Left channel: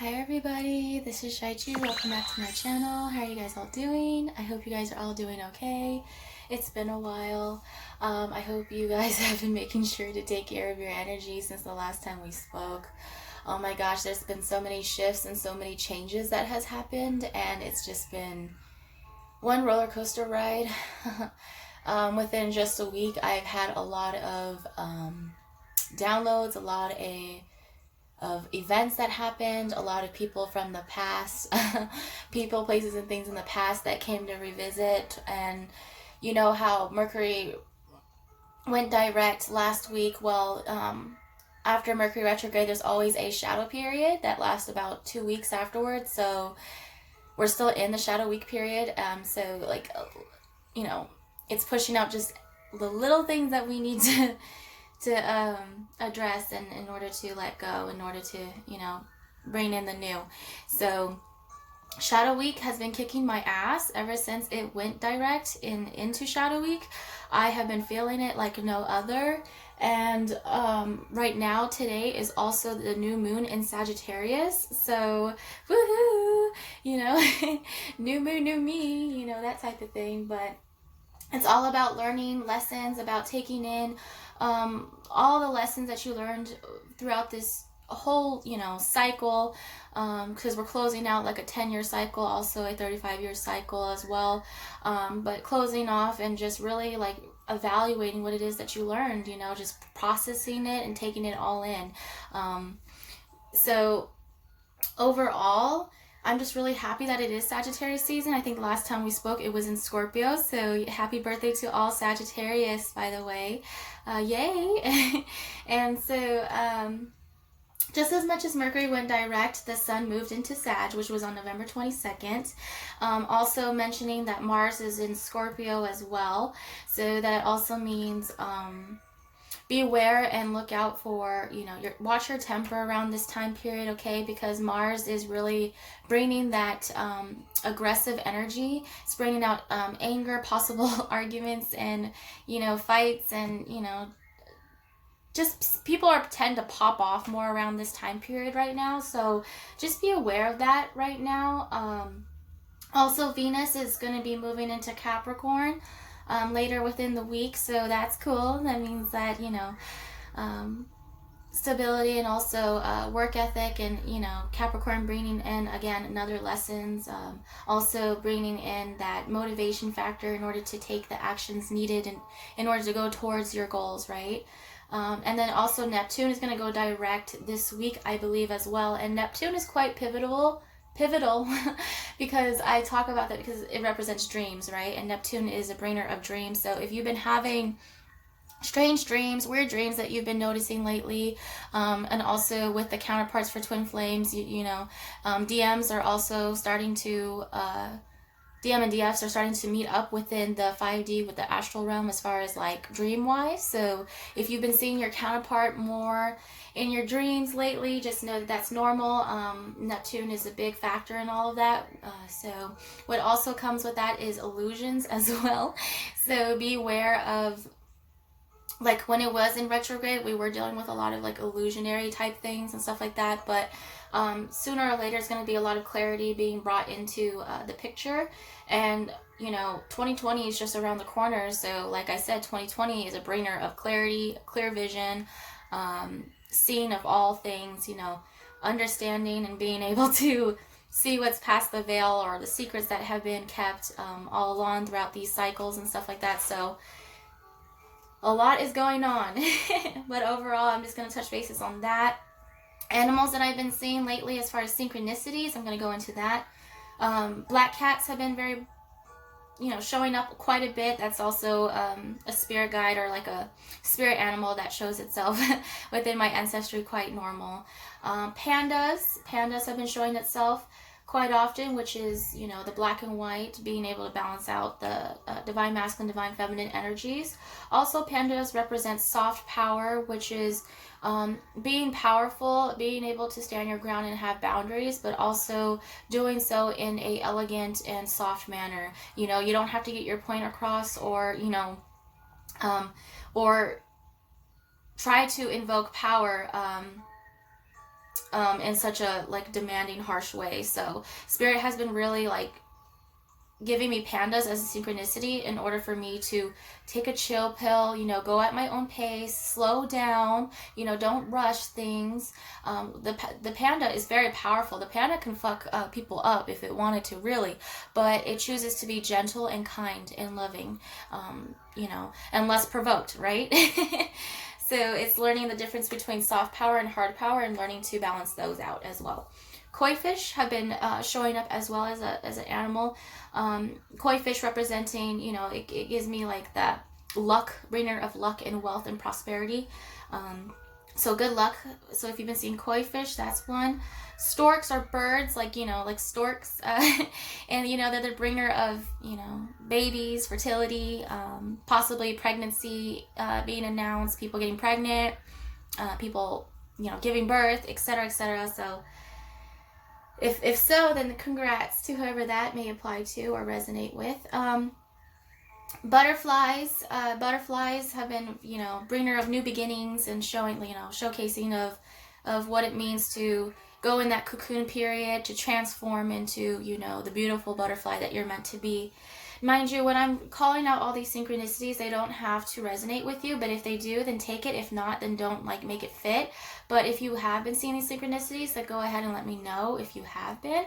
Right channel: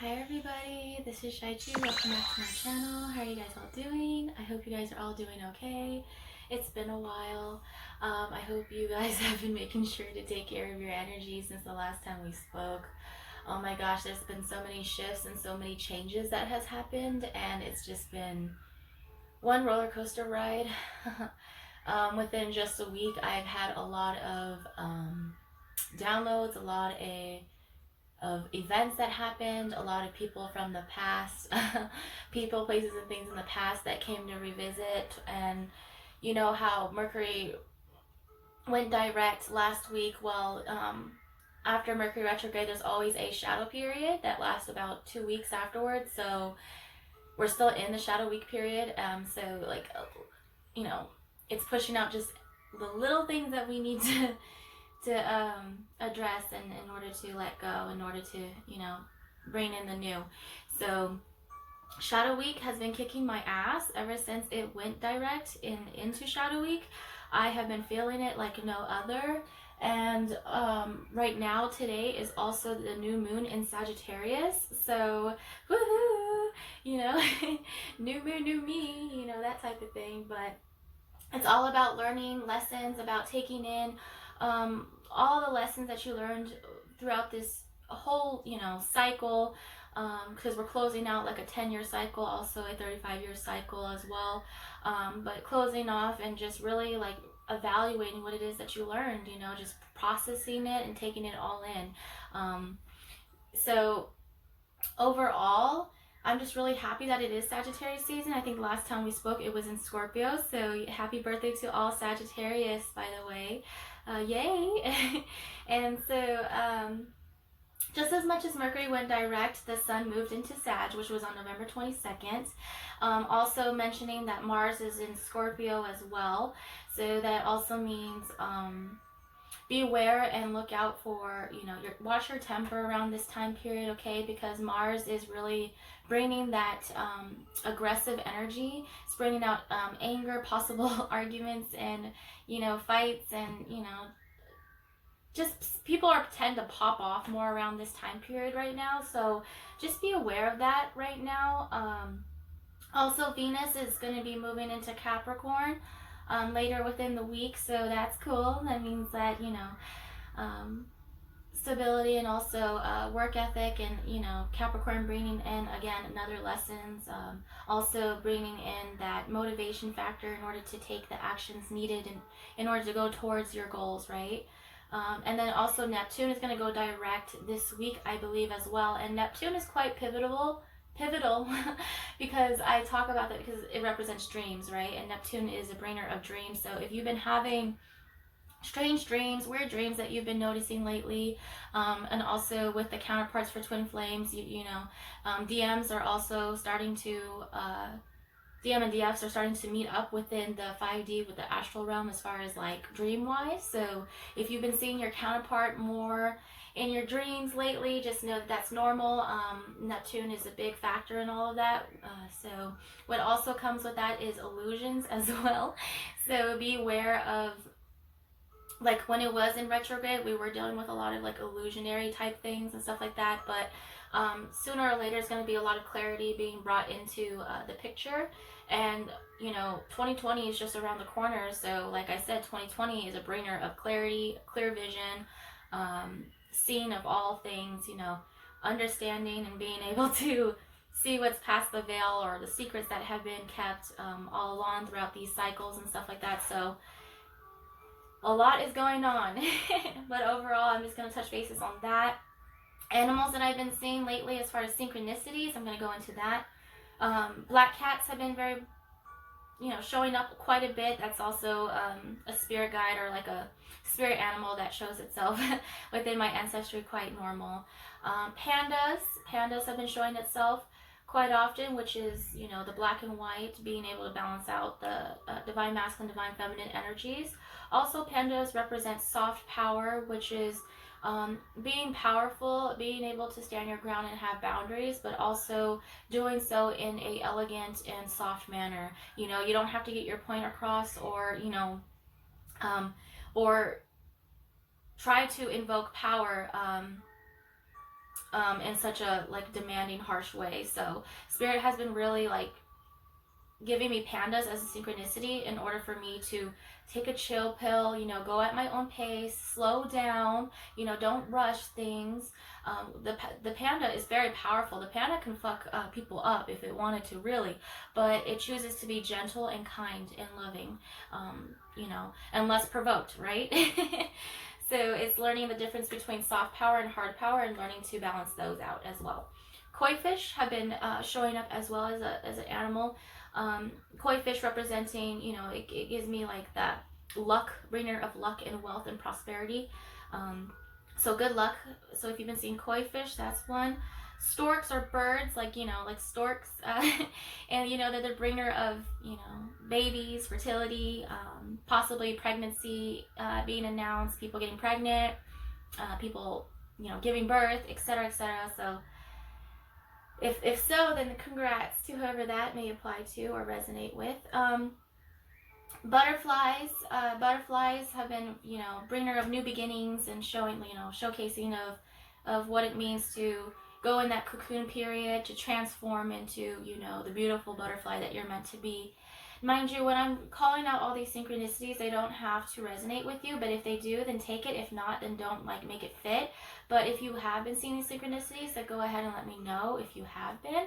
Hi everybody, this is Cheychuu. Welcome back to my channel. How are you guys all doing? I hope you guys are all doing okay. It's been a while. I hope you guys have been making sure to take care of your energy since the last time we spoke. Oh my gosh, there's been so many shifts and so many changes that has happened, and it's just been one roller coaster ride. Within just a week, I've had a lot of downloads, a lot of events that happened, a lot of people from the past, people, places, and things in the past that came to revisit. And you know how Mercury went direct last week. Well, after Mercury retrograde, there's always a shadow period that lasts about 2 weeks afterwards. So we're still in the shadow week period. So like, you know, it's pushing out just the little things that we need to address, and in order to let go, in order to, you know, bring in the new. So shadow week has been kicking my ass ever since it went direct into shadow week. I have been feeling it like no other. And right now, today is also the new moon in Sagittarius. So woohoo, you know, new moon, new me, you know, that type of thing. But it's all about learning lessons, about taking in all the lessons that you learned throughout this whole, you know, cycle, because we're closing out like a 10-year cycle, also a 35-year cycle as well, but closing off and just really like evaluating what it is that you learned, you know, just processing it and taking it all in. So overall, I'm just really happy that it is Sagittarius season. I think the last time we spoke, it was in Scorpio. So happy birthday to all Sagittarius, by the way. Yay! And so just as much as Mercury went direct, the sun moved into Sag, which was on November 22nd. Also mentioning that Mars is in Scorpio as well. So that also means be aware and look out for, you know, watch your temper around this time period, okay? Because Mars is really bringing that aggressive energy. It's bringing out anger, possible arguments, and, you know, fights, and, you know, just people tend to pop off more around this time period right now. So just be aware of that right now. Also, Venus is going to be moving into Capricorn later within the week, so that's cool. That means that, you know, stability, and also work ethic, and, you know, Capricorn bringing in, again, another lessons, also bringing in that motivation factor in order to take the actions needed in order to go towards your goals, right? And then also Neptune is going to go direct this week, I believe, as well. And Neptune is quite pivotal because I talk about that because it represents dreams, right? And Neptune is a bringer of dreams. So if you've been having strange dreams, weird dreams that you've been noticing lately, and also with the counterparts for twin flames, you know, DMs are also starting to DM and DFs are starting to meet up within the 5D with the astral realm as far as like dream wise. So if you've been seeing your counterpart more in your dreams lately, just know that that's normal. Neptune is a big factor in all of that. So what also comes with that is illusions as well. So be aware of, like, when it was in retrograde, we were dealing with a lot of like illusionary type things and stuff like that. But sooner or later, it's going to be a lot of clarity being brought into the picture. And, you know, 2020 is just around the corner. So like I said, 2020 is a bringer of clarity, clear vision, seeing of all things, you know, understanding and being able to see what's past the veil, or the secrets that have been kept all along throughout these cycles and stuff like that. So a lot is going on. But overall, I'm just going to touch bases on that. Animals that I've been seeing lately as far as synchronicities, I'm going to go into that. Black cats have been very, you know, showing up quite a bit. That's also a spirit guide, or like a spirit animal that shows itself within my ancestry, quite normal. Pandas have been showing itself quite often, which is, you know, the black and white, being able to balance out the divine masculine, divine feminine energies. Also, pandas represent soft power, which is being powerful, being able to stand your ground and have boundaries, but also doing so in a elegant and soft manner. You know, you don't have to get your point across, or, you know, or try to invoke power in such a like demanding, harsh way. So Spirit has been really like giving me pandas as a synchronicity in order for me to take a chill pill, you know, go at my own pace, slow down, you know, don't rush things. The panda is very powerful. The panda can fuck people up if it wanted to, really, but it chooses to be gentle and kind and loving, you know, and less provoked, right? So it's learning the difference between soft power and hard power and learning to balance those out as well. Koi fish have been showing up as well as an animal. Koi fish representing, you know, it gives me like that luck, bringer of luck and wealth and prosperity. So good luck. So if you've been seeing koi fish, that's one. Storks are birds, like, you know, like storks. And, you know, they're the bringer of, you know, babies, fertility, possibly pregnancy being announced, people getting pregnant, people, you know, giving birth, etc., etc. So if so, then congrats to whoever that may apply to or resonate with. Butterflies have been, you know, bringer of new beginnings and showing, you know, showcasing of what it means to go in that cocoon period to transform into, you know, the beautiful butterfly that you're meant to be. Mind you, when I'm calling out all these synchronicities, they don't have to resonate with you, but if they do, then take it. If not, then don't like make it fit. But if you have been seeing these synchronicities, then go ahead and let me know if you have been.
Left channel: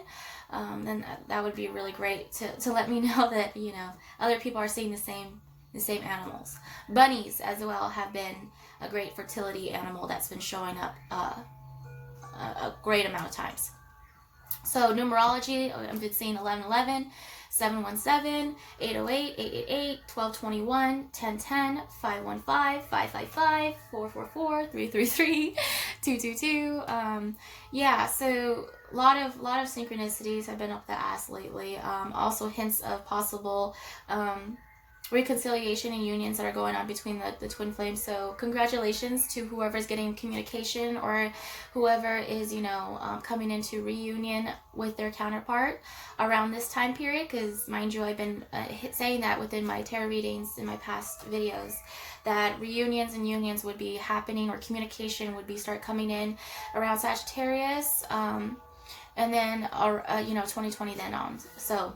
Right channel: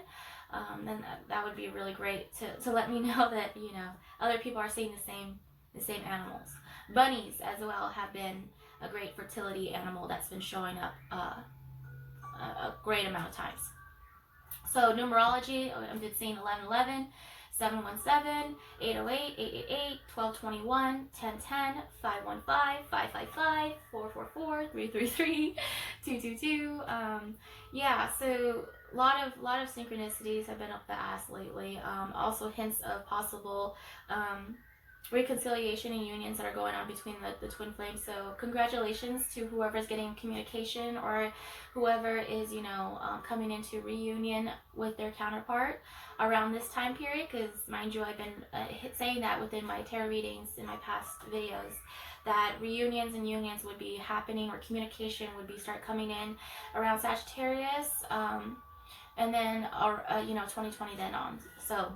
Then that would be really great to let me know that, you know, other people are seeing the same animals. Bunnies as well have been a great fertility animal that's been showing up a great amount of times. So numerology, I've been seeing 1111, 717, 808, 888, 1221, 1010, 515, 555, 444, 333, 222. Yeah, so a lot of synchronicities have been up the ass lately. Also hints of possible reconciliation and unions that are going on between the twin flames. So congratulations to whoever's getting communication or whoever is, you know, coming into reunion with their counterpart around this time period, because mind you, I've been saying that within my tarot readings in my past videos, that reunions and unions would be happening, or communication would be start coming in around Sagittarius, and then you know, 2020 then on. So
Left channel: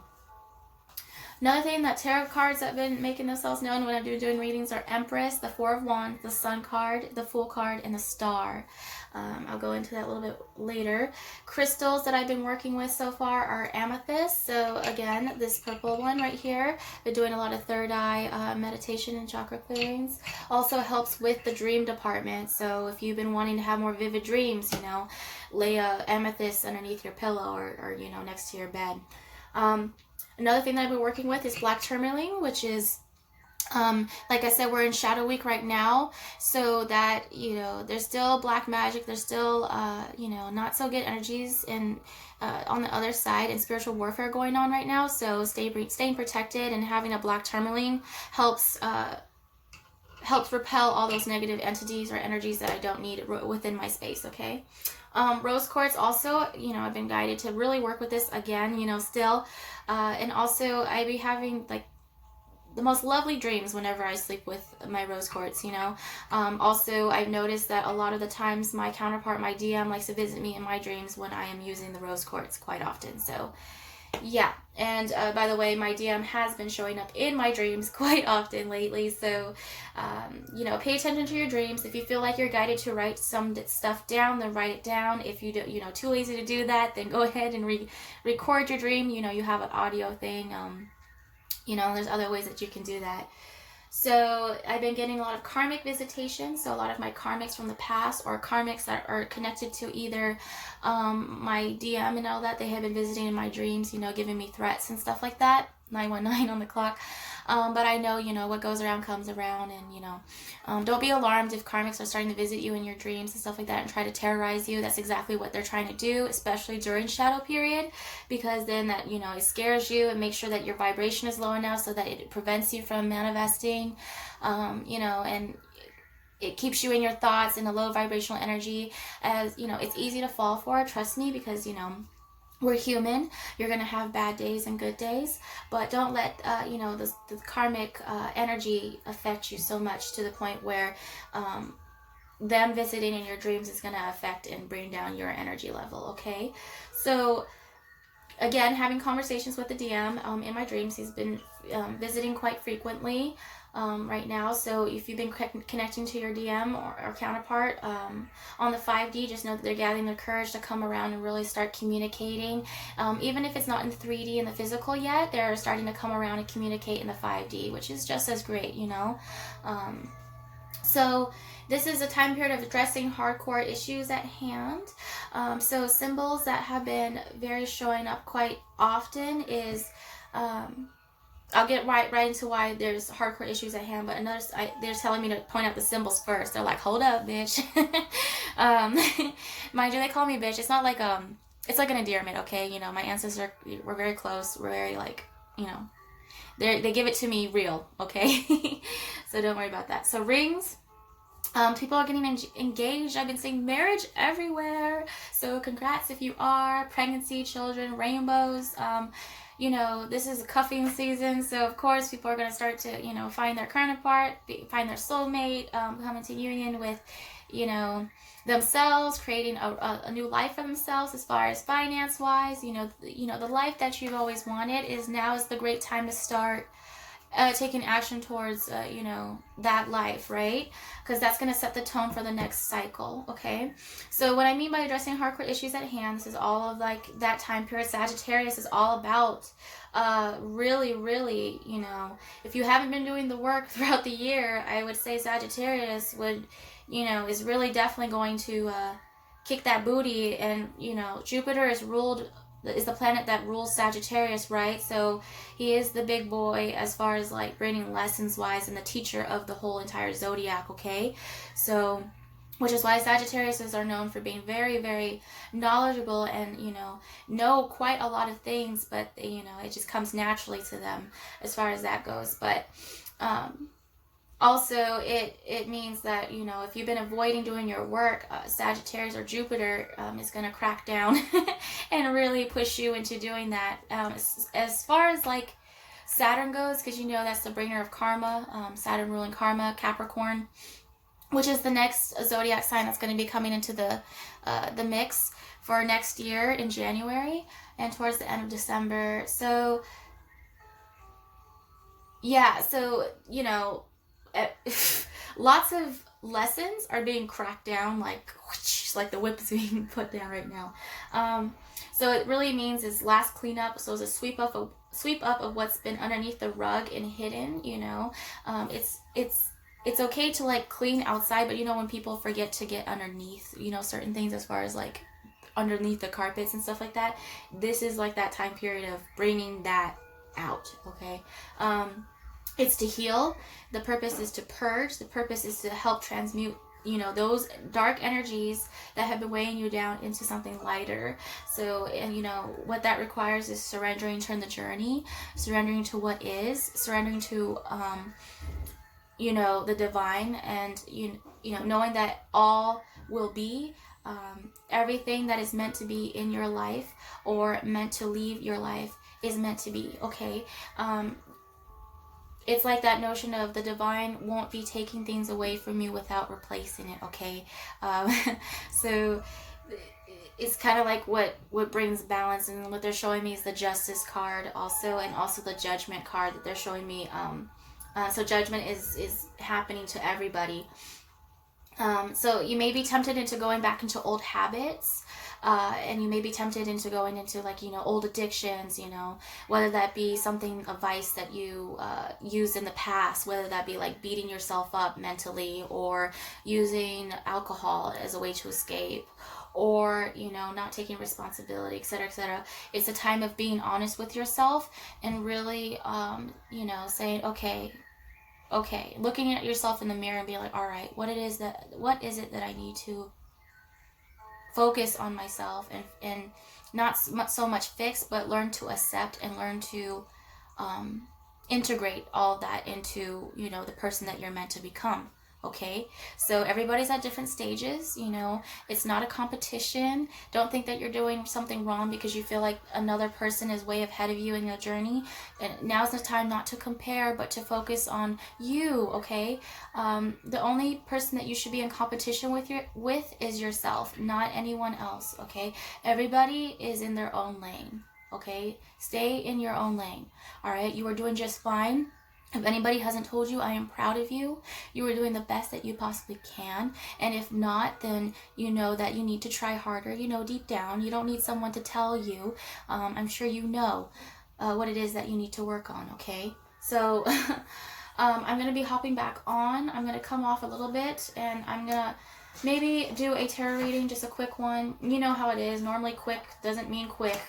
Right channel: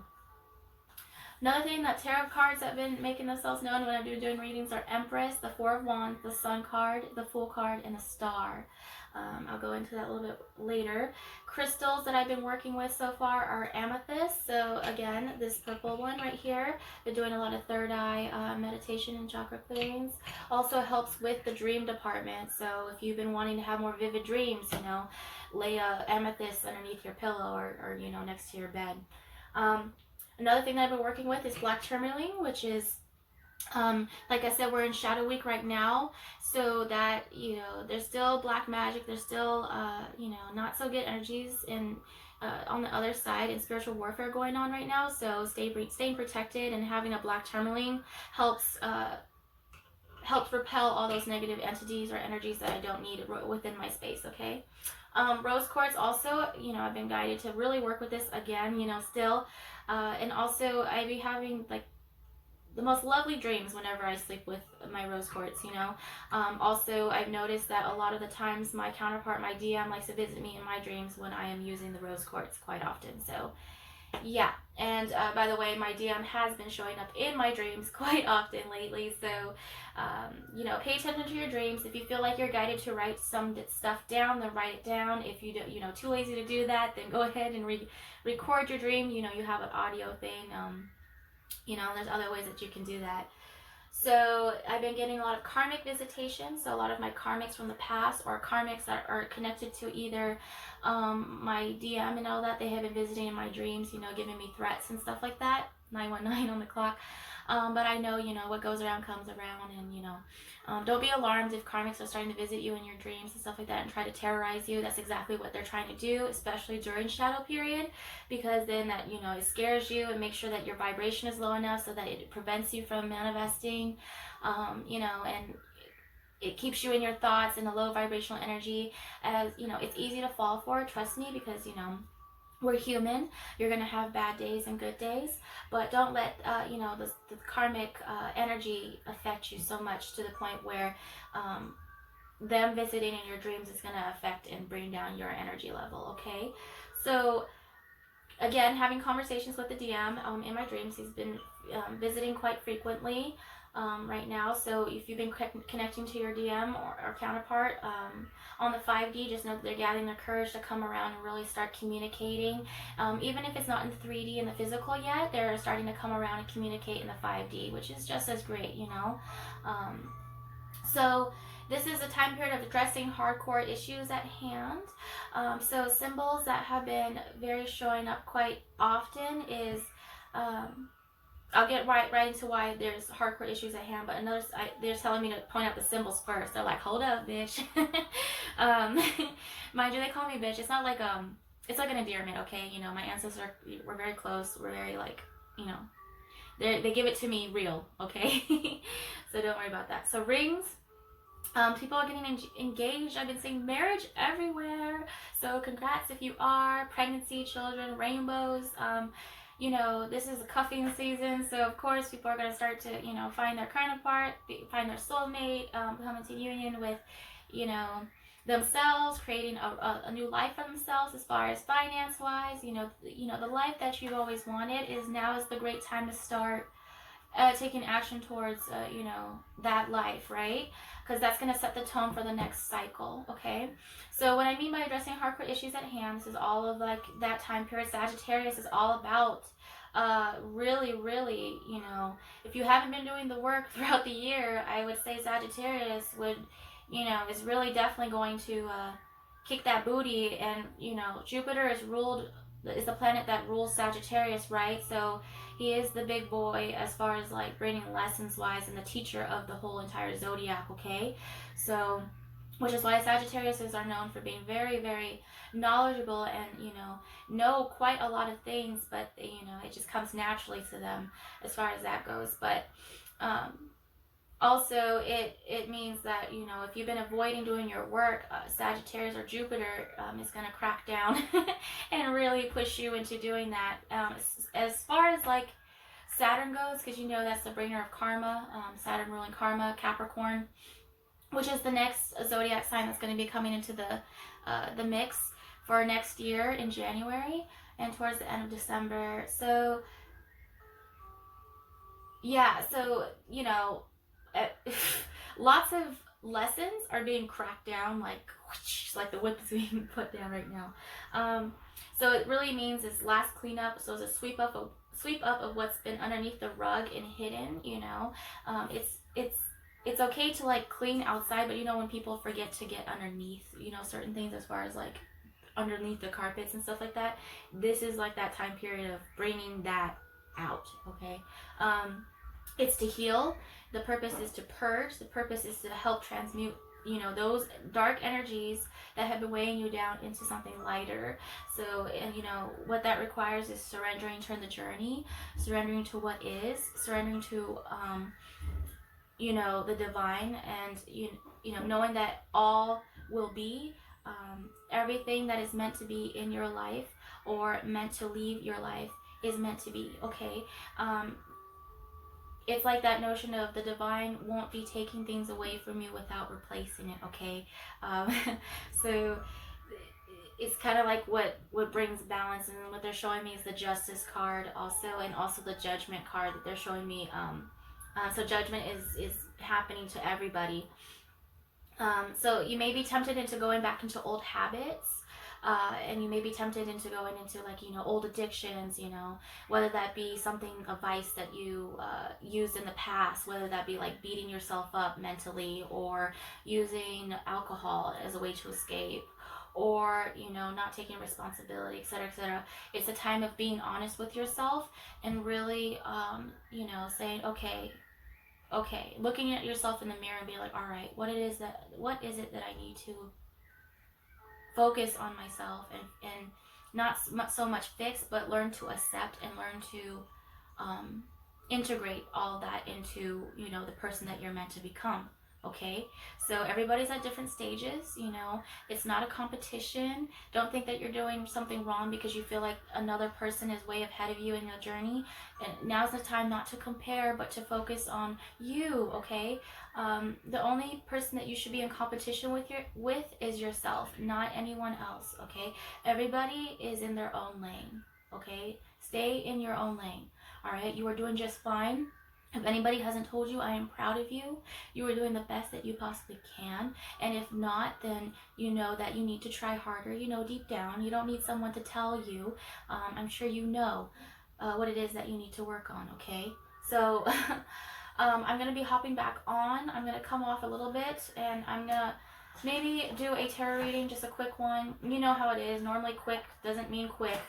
another thing that tarot cards that have been making themselves known when I'm doing readings are Empress, the Four of Wands, the Sun card, the Fool card, and the Star. I'll go into that a little bit later. Crystals that I've been working with so far are amethyst. So again, this purple one right here. Been doing a lot of third eye meditation and chakra clearings. Also helps with the dream department. So if you've been wanting to have more vivid dreams, you know, lay a amethyst underneath your pillow or you know, next to your bed. Another thing that I've been working with is black tourmaline, which is, like I said, we're in Shadow Week right now, so that, you know, there's still black magic, there's still, you know, not so good energies in, on the other side, and spiritual warfare going on right now. So staying protected and having a black tourmaline helps repel all those negative entities or energies that I don't need within my space, okay? Rose quartz also, you know, I've been guided to really work with this again, you know, still. And also I be having like the most lovely dreams whenever I sleep with my rose quartz, you know. Also, I've noticed that a lot of the times my counterpart, my DM, likes to visit me in my dreams when I am using the rose quartz quite often. So yeah, and by the way, my DM has been showing up in my dreams quite often lately, so you know, pay attention to your dreams. If you feel like you're guided to write some stuff down, then write it down. If you don't, you know, too lazy to do that, then go ahead and record your dream. You know, you have an audio thing, you know, there's other ways that you can do that. So I've been getting a lot of karmic visitations, so a lot of my karmics from the past, or karmics that are connected to either my DM and all that, they have been visiting in my dreams, you know, giving me threats and stuff like that. 919 on the clock. But I know, you know, what goes around comes around, and, you know, don't be alarmed if karmics are starting to visit you in your dreams and stuff like that and try to terrorize you. That's exactly what they're trying to do, especially during shadow period, because then that, you know, it scares you and makes sure that your vibration is low enough so that it prevents you from manifesting, you know, and it keeps you in your thoughts in a low vibrational energy. As you know, it's easy to fall for, trust me, because, you know, we're human. You're going to have bad days and good days, but don't let, you know, the karmic energy affect you so much to the point where them visiting in your dreams is going to affect and bring down your energy level, okay? So again, having conversations with the DM in my dreams. He's been visiting quite frequently right now. So if you've been connecting to your DM or counterpart on the 5D, just know that they're gathering their courage to come around and really start communicating. Even if it's not in 3D in the physical yet, they're starting to come around and communicate in the 5D, which is just as great, you know. So this is a time period of addressing hardcore issues at hand. So symbols that have been very showing up quite often is, I'll get right into why there's hardcore issues at hand, but they're telling me to point out the symbols first. They're like, hold up, bitch. Mind you, they call me bitch. It's not like, it's like an endearment, okay? You know, my ancestors we're very close. We're very like, you know, they give it to me real, okay? So don't worry about that. So rings. People are getting engaged. I've been seeing marriage everywhere. So congrats if you are. Pregnancy, children, rainbows. You know, this is a cuffing season. So of course people are going to start to, you know, find their counterpart, find their soulmate, come into union with, you know, themselves, creating a new life for themselves as far as finance wise. You know, the life that you've always wanted now is the great time to start taking action towards, you know, that life, right? Because that's going to set the tone for the next cycle, okay? So what I mean by addressing hardcore issues at hand, this is all of like that time period. Sagittarius is all about really, really, you know, if you haven't been doing the work throughout the year, I would say Sagittarius would, you know, is really definitely going to kick that booty. And, you know, Jupiter is the planet that rules Sagittarius, right? So he is the big boy as far as like bringing lessons wise and the teacher of the whole entire zodiac, okay? So, which is why Sagittariuses are known for being very, very knowledgeable and, you know quite a lot of things, but, you know, it just comes naturally to them as far as that goes. But also, it means that, you know, if you've been avoiding doing your work, Sagittarius or Jupiter is going to crack down and really push you into doing that. As far as like Saturn goes, because you know that's the bringer of karma, Saturn ruling karma, Capricorn, which is the next zodiac sign that's going to be coming into the mix for next year in January and towards the end of December. So, yeah, so, you know, lots of lessons are being cracked down, like the whip is being put down right now. So it really means is last cleanup. So it's a sweep up of what's been underneath the rug and hidden. You know, it's okay to like clean outside, but you know when people forget to get underneath, you know, certain things as far as like underneath the carpets and stuff like that. This is like that time period of bringing that out. Okay. It's to heal. The purpose is to purge. The purpose is to help transmute, you know, those dark energies that have been weighing you down into something lighter. So, and you know, what that requires is surrendering to the journey, surrendering to what is, surrendering to, you know, the divine, and, you know, knowing that all will be, everything that is meant to be in your life or meant to leave your life is meant to be, okay? It's like that notion of the divine won't be taking things away from you without replacing it, okay? So it's kind of like what brings balance, and what they're showing me is the Justice card also, and also the Judgment card that they're showing me. So judgment is happening to everybody. So you may be tempted into going back into old habits. And you may be tempted into going into like, you know, old addictions, you know, whether that be something, a vice that you used in the past, whether that be like beating yourself up mentally, or using alcohol as a way to escape, or, you know, not taking responsibility, etc., etc. It's a time of being honest with yourself and really, you know, saying, okay, looking at yourself in the mirror and being like, all right, what is it that I need to focus on myself, and not so much fix, but learn to accept and learn to integrate all of that into, you know, the person that you're meant to become, Okay, so everybody's at different stages, you know. It's not a competition. Don't think that you're doing something wrong because you feel like another person is way ahead of you in your journey. And now's the time not to compare, but to focus on you. Okay, the only person that you should be in competition with is yourself, not anyone else. Okay, everybody is in their own lane. Okay, stay in your own lane. All right, you are doing just fine. If anybody hasn't told you, I am proud of you. You are doing the best that you possibly can. And if not, then you know that you need to try harder. You know deep down. You don't need someone to tell you. I'm sure you know what it is that you need to work on, okay? So I'm going to be hopping back on. I'm going to come off a little bit, and I'm going to maybe do a tarot reading, just a quick one. You know how it is. Normally quick doesn't mean quick.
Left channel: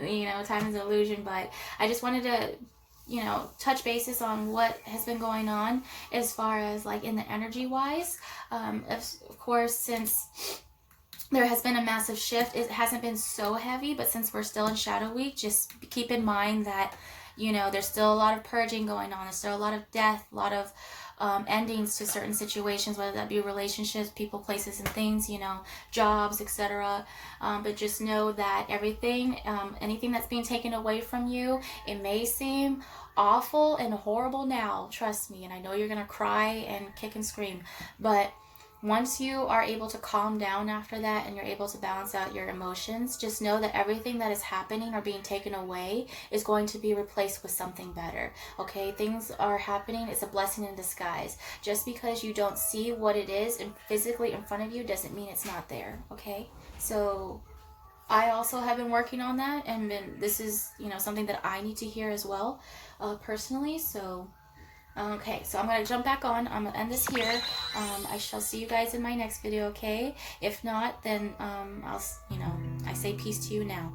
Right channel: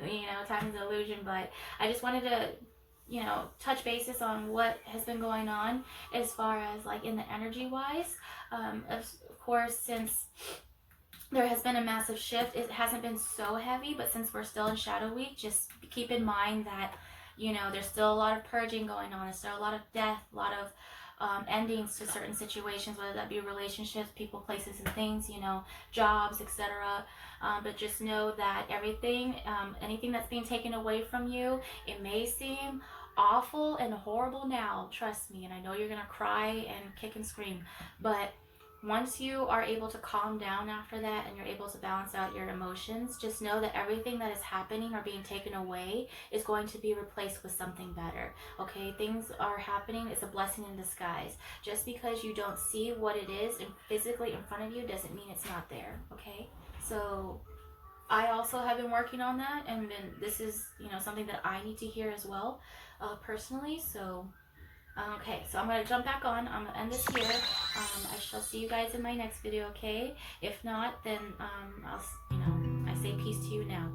You know, time is an illusion, but I just wanted to, you know, touch basis on what has been going on as far as like in the energy wise. Of course, since there has been a massive shift, it hasn't been so heavy, but since we're still in shadow week, just keep in mind that, you know, there's still a lot of purging going on. There's still a lot of death, a lot of endings to certain situations, whether that be relationships, people, places, and things, you know, jobs, etc. But just know that everything, anything that's being taken away from you, it may seem awful and horrible now, trust me, and I know you're gonna cry and kick and scream, but once you are able to calm down after that and you're able to balance out your emotions, just know that everything that is happening or being taken away is going to be replaced with something better. Okay, things are happening. It's a blessing in disguise. Just because you don't see what it is and physically in front of you doesn't mean it's not there. Okay, so I also have been working on that, and this is, you know, something that I need to hear as well, personally. So okay, so I'm going to jump back on. I'm going to end this here. I shall see you guys in my next video, okay? If not, then I say peace to you now.